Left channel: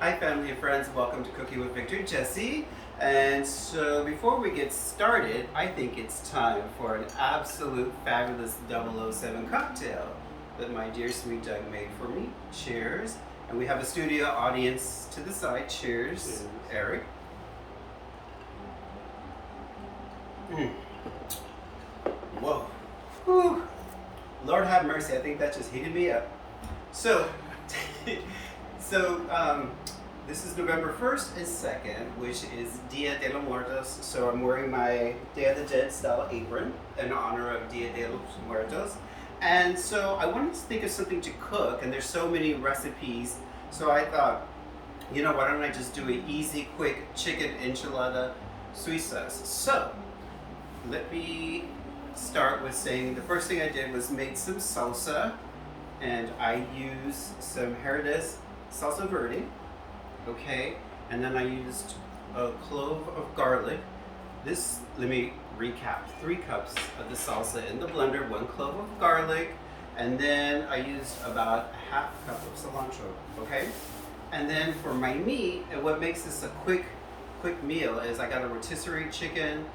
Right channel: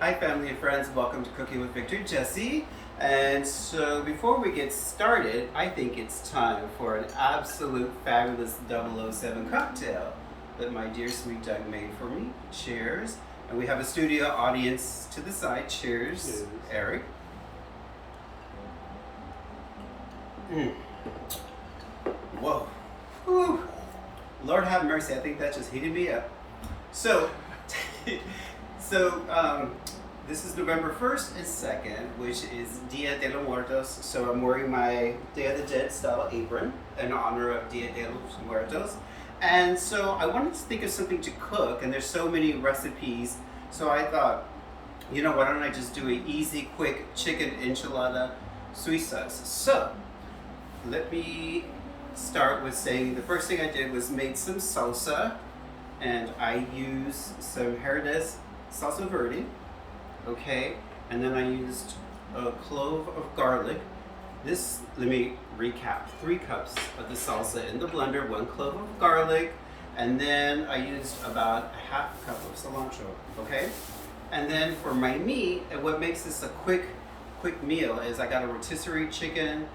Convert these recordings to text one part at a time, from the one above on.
Hi family and friends, welcome to Cooking with Victor Jesse. And so before we get started, I think it's time for an absolute fabulous 007 cocktail that my dear sweet Doug made for me. Cheers. And we have a studio audience to the side. Cheers, Cheers. Eric. Whoa. Whew. Lord have mercy, I think that just heated me up. So, this is November 1st and 2nd, which is Dia de los Muertos. So I'm wearing my Day of the Dead style apron in honor of Dia de los Muertos. And so I wanted to think of something to cook, and there's so many recipes. So I thought, you know, why don't I just do an easy, quick chicken enchilada Suizas. So let me start with saying the first thing I did was made some salsa, and I used some Herdez salsa verde, okay, and then I used a clove of garlic. This, let me recap, 3 cups of the salsa in the blender, 1 clove of garlic, and then I used about a half cup of cilantro, okay? And then for my meat, and what makes this a quick meal is I got a rotisserie chicken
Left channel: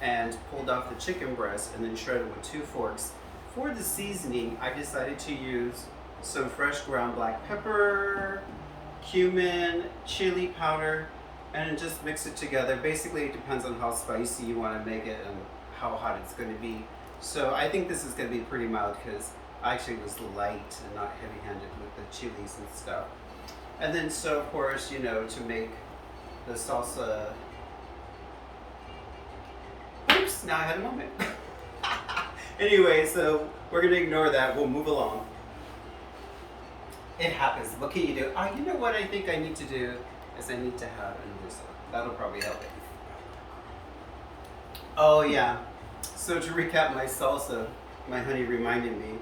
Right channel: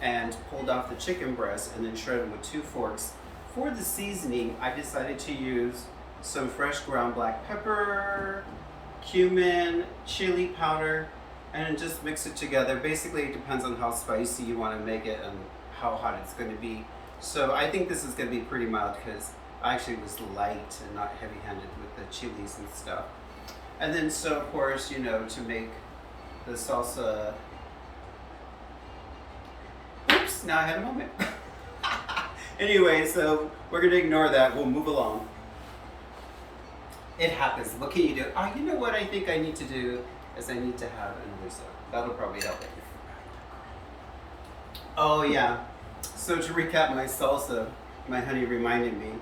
and pulled off the chicken breast and then shredded with 2 forks. For the seasoning, I decided to use some fresh ground black pepper, cumin, chili powder, and just mix it together. Basically, it depends on how spicy you want to make it and how hot it's going to be. So I think this is going to be pretty mild because I actually was light and not heavy-handed with the chilies and stuff. And then, so of course, you know, to make the salsa. Oops, now I had a moment. Anyway, so we're gonna ignore that. We'll move along. It happens. What can you do? Oh, you know what I think I need to do is I need to have another soap. That'll probably help it. Oh yeah. So to recap my salsa, my honey reminded me.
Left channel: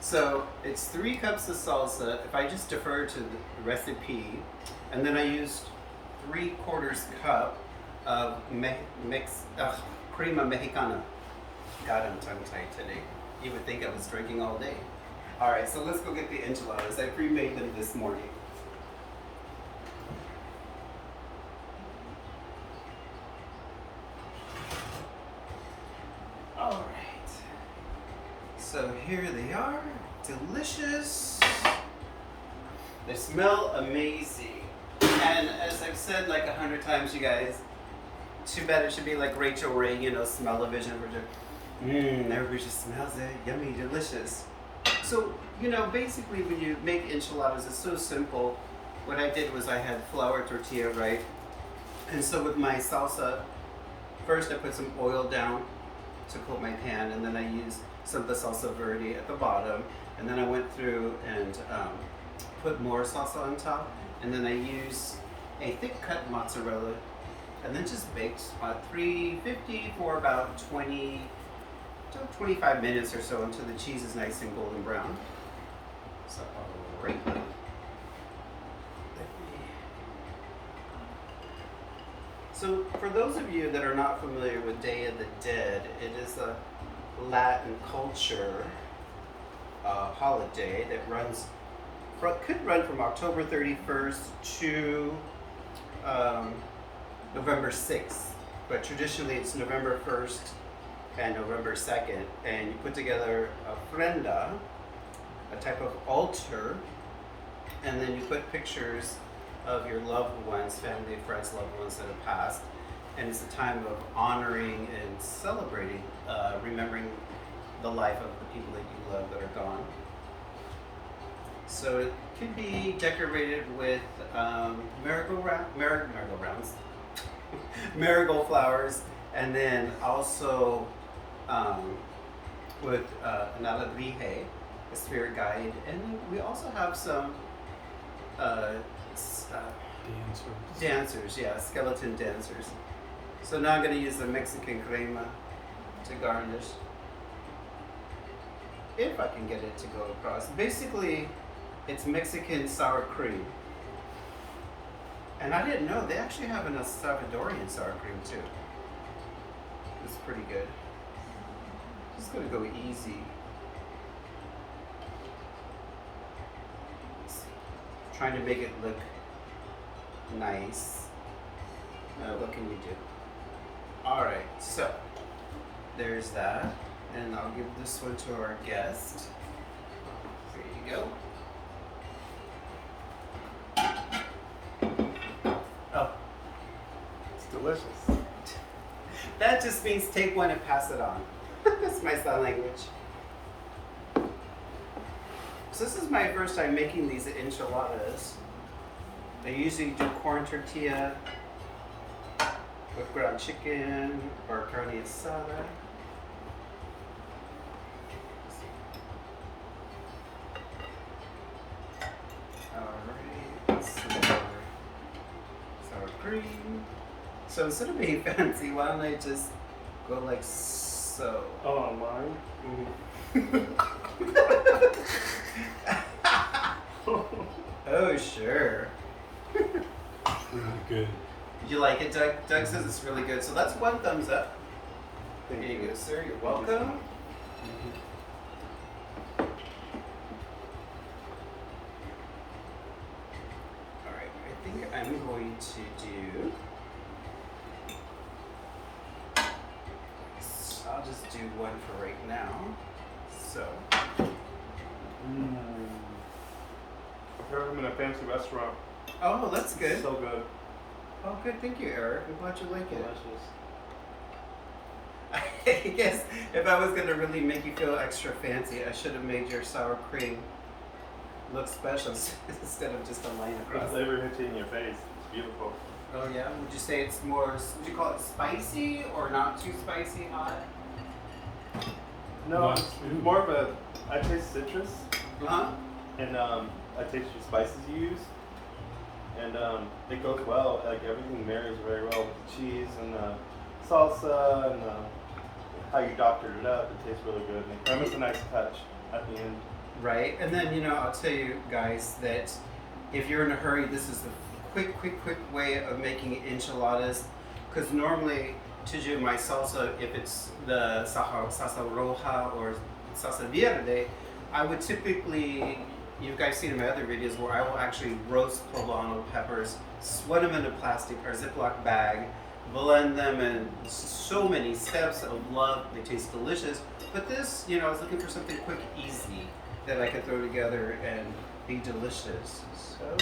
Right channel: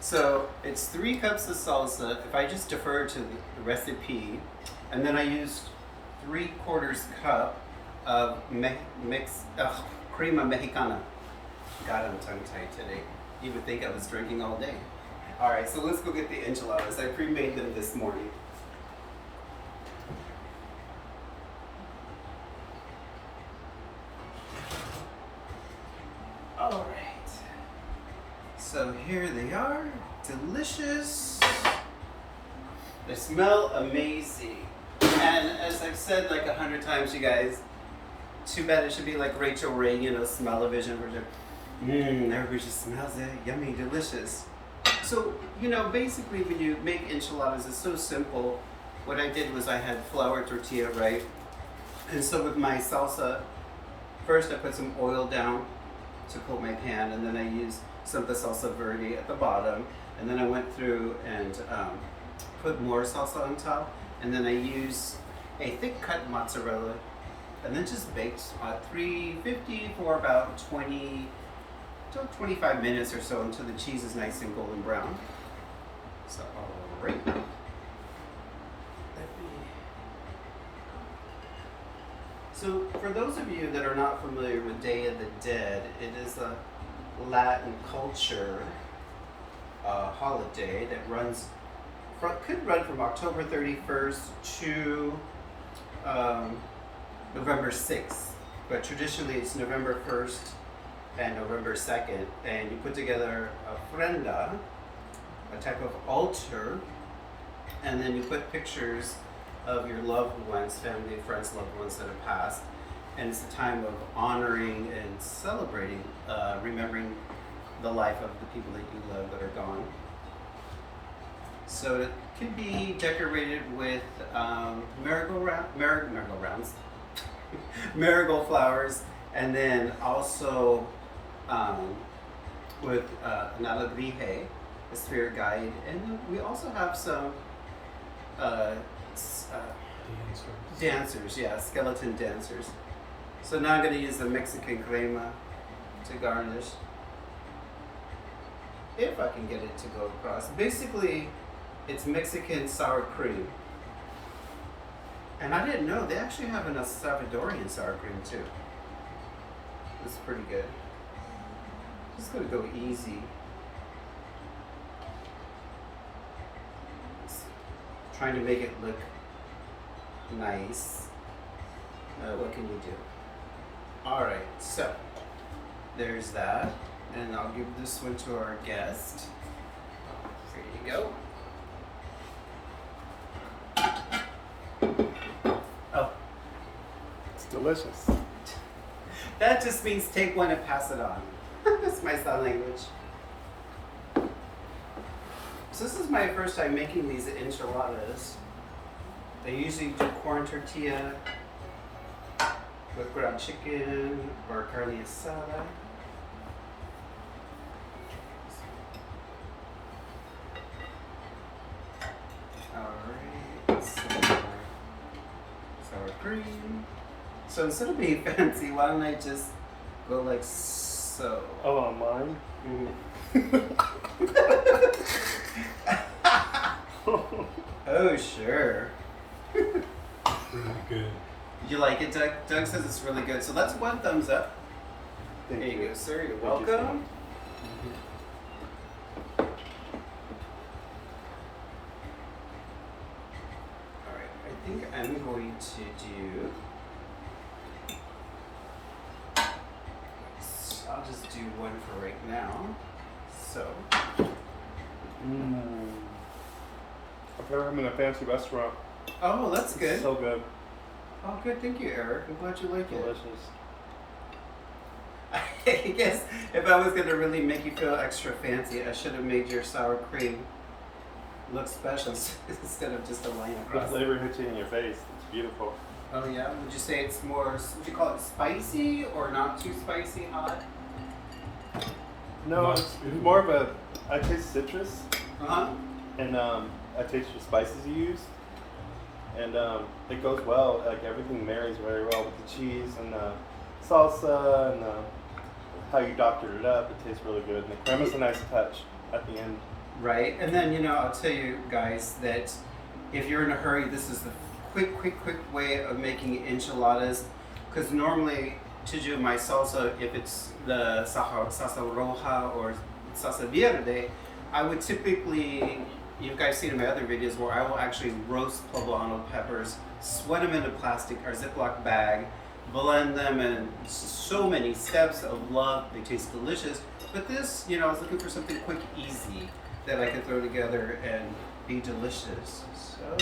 So it's 3 cups of salsa. If I just defer to the recipe, and then I used 3/4 cup of crema mexicana. God, I'm tongue-tied today. You would think I was drinking all day. All right, so let's go get the enchiladas. I pre-made them this morning. All right. So here they are, delicious. They smell amazing. And as I've said like 100 times, you guys, too bad it should be like Rachel Ray, you know, smell-o-vision version. Everybody just smells it, yummy, delicious. So, you know, basically when you make enchiladas, it's so simple. What I did was I had flour tortilla, right? And so with my salsa, first I put some oil down to coat my pan, and then I used some of the salsa verde at the bottom, and then I went through and put more salsa on top, and then I used a thick cut mozzarella, and then just baked at 350 for about 20 to 25 minutes or so until the cheese is nice and golden brown. So, all right. So, for those of you that are not familiar with Day of the Dead, it is a Latin culture holiday that could run from October 31st to November 6th, but traditionally it's November 1st and November 2nd, and you put together a ofrenda, a type of altar, and then you put pictures of your loved ones, family and friends, loved ones that have passed, and it's a time of honoring and celebrating, remembering the life of the people that you love that are gone. So it could be decorated with merry-go-rounds, marigold flowers, and then also with an alebrije, a spirit guide, and then we also have some dancers, yeah, skeleton dancers. So now I'm going to use the Mexican crema to garnish, if I can get it to go across. Basically, it's Mexican sour cream. And I didn't know, they actually have a Salvadorian sour cream too. It's pretty good. Just gonna go easy. Trying to make it look Nice. What can you do? All right, so there's that. And I'll give this one to our guest. Here you go. Oh. It's delicious. That just means take one and pass it on. That's my sign language. So this is my first time making these enchiladas. I usually do corn tortilla with ground chicken or carne asada. Alright, some more sour cream. So instead of being fancy, why don't I just go like so? Oh, on mine? Mm-hmm. Oh, sure. Really good. You like it, Doug? Doug says it's really good. So that's one thumbs up. There you go, sir. You're welcome. All right, I think I'm going to do. I'll just do one for right now. So. I feel like I'm in a fancy restaurant. Oh, that's good. It's so good. Oh, good. Thank you, Eric. I'm glad you like it. Delicious. I guess if I was gonna really make you feel extra fancy, I should have made your sour cream look special instead of just a line The across. flavor hits you in your face. It's beautiful. Oh yeah? Would you say it's more, would you call it spicy or not too spicy, hot? No, it's more of a. I taste citrus, Uh-huh. and I taste the spices you use, and it goes well. Like everything marries very well with the cheese and salsa and how you doctored it up. It tastes really good. And the crema's a nice touch at the end. Right, and then, you know, I'll tell you guys that if you're in a hurry, this is the quick way of making enchiladas. Because normally, to do my salsa, if it's the salsa roja or salsa verde, I would typically, you guys seen in my other videos where I will actually roast poblano peppers, sweat them in a plastic or Ziploc bag, blend them in so many steps of love. They taste delicious. But this, you know, I was looking for something quick, easy that I could throw together and be delicious. So,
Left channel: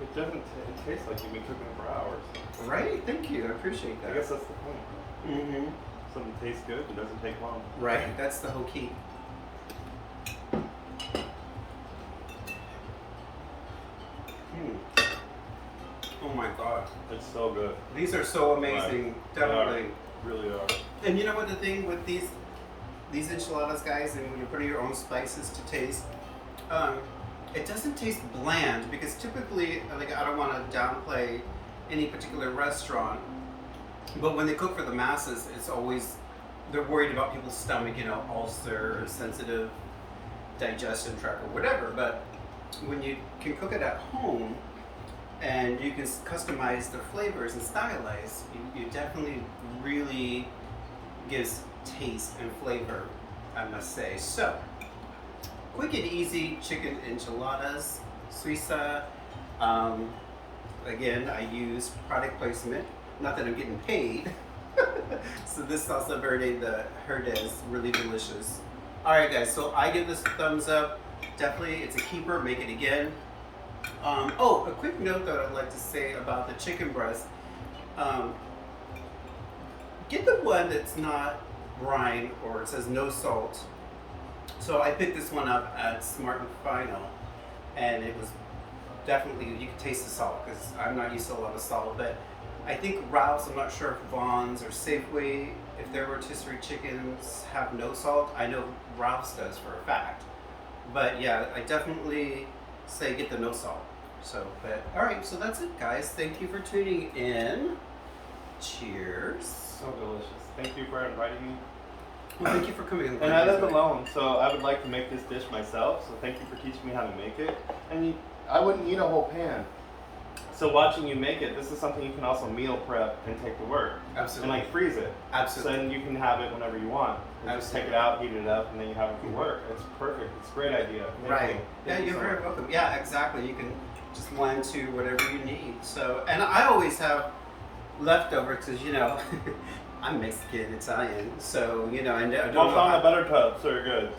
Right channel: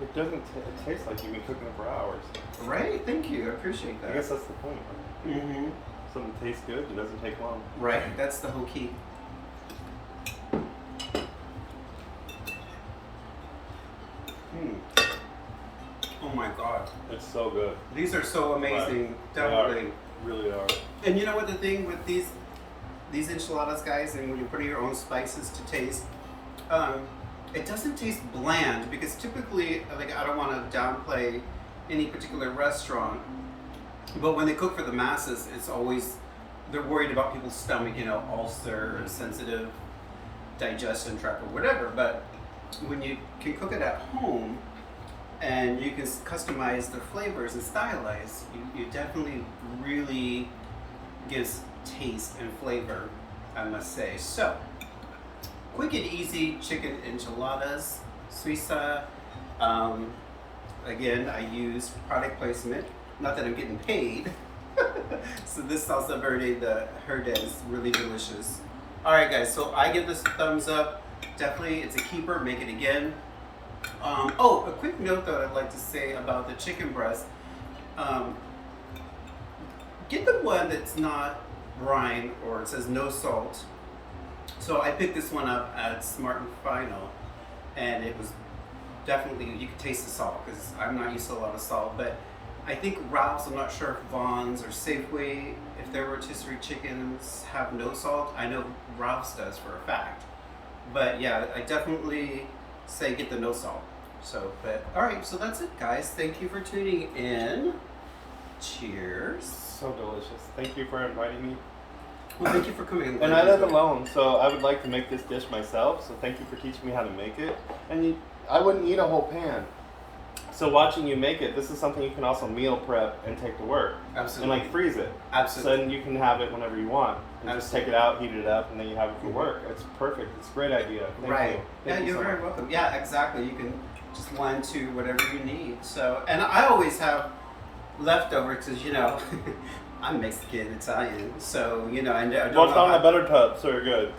It doesn't. It tastes like you've been cooking it for hours. right? Thank you. I appreciate that. I guess that's the point. Mm-hmm. Something tastes good and doesn't take long. Right. That's the whole key. Oh my God. It's so good. These are so amazing. They Definitely. really are. And you know what the thing with these enchiladas, guys, and when you're putting your own spices to taste, it doesn't taste bland because typically, like, I don't want to downplay any particular restaurant, but when they cook for the masses, it's always, they're worried about people's stomach, you know, ulcer, sensitive digestion tract or whatever. But when you can cook it at home and you can customize the flavors and stylize, you definitely really gives taste and flavor, I must say. So, quick and easy chicken enchiladas, Suiza. Again, I use product placement, not that I'm getting paid. So this salsa verde, the Herdez, really delicious. All right, guys, so I give this a thumbs up. Definitely, it's a keeper, make it again. Oh, a quick note that I'd like to say about the chicken breast. Get the one that's not brine or it says no salt. So I picked this one up at Smart and Final, and it was definitely, you could taste the salt because I'm not used to a lot of salt. But I think Ralph's, I'm not sure if Vaughn's or Safeway, if their rotisserie chickens have no salt. I know Ralph's does for a fact. But yeah, I definitely say get the no salt. So, but all right, so that's it, guys. Thank you for tuning in. Cheers. So delicious. Thank you for inviting me. Well, thank you for coming. I'm glad And I you live enjoyed it. alone, so I would like to make this dish myself. So thank you for teaching me how to make it. And I wouldn't eat a whole pan. So watching you make it, this is something you can also meal prep and take to work. Absolutely. And like freeze it. Absolutely. So then you can have it whenever you want. And just take it out, heat it up, and then you have it for work. It's perfect. It's a great idea. Right. Yeah, Thank you you're so very much. welcome. Yeah, exactly. You can just blend to whatever you need. So, and I always have leftover because I'm Mexican, Italian, so and I don't Don't know on how. the butter tub, so you're good.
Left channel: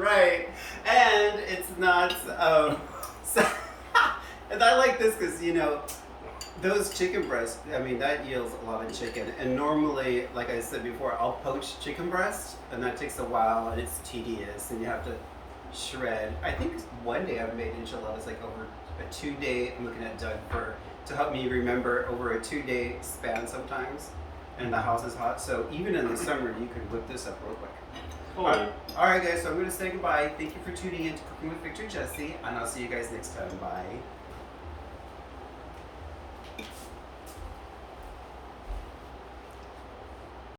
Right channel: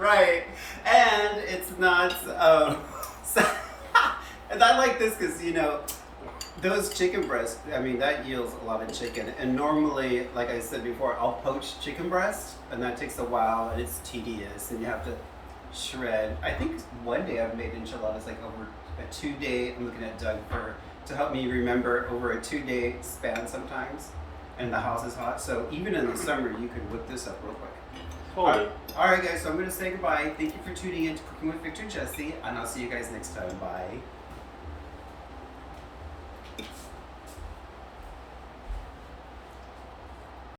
Right, and it's not. And I like this because those chicken breasts. I mean, that yields a lot of chicken, and normally, like I said before, I'll poach chicken breast, and that takes a while, and it's tedious, and you have to shred. I think one day I've made enchiladas like over a 2-day. I'm looking at Doug to help me remember over a 2-day span sometimes, and the house is hot. So even in the summer, you could whip this up real quick. Cool. All right, guys. So I'm going to say goodbye. Thank you for tuning in to Cooking with Victor Jesse, and I'll see you guys next time. Bye.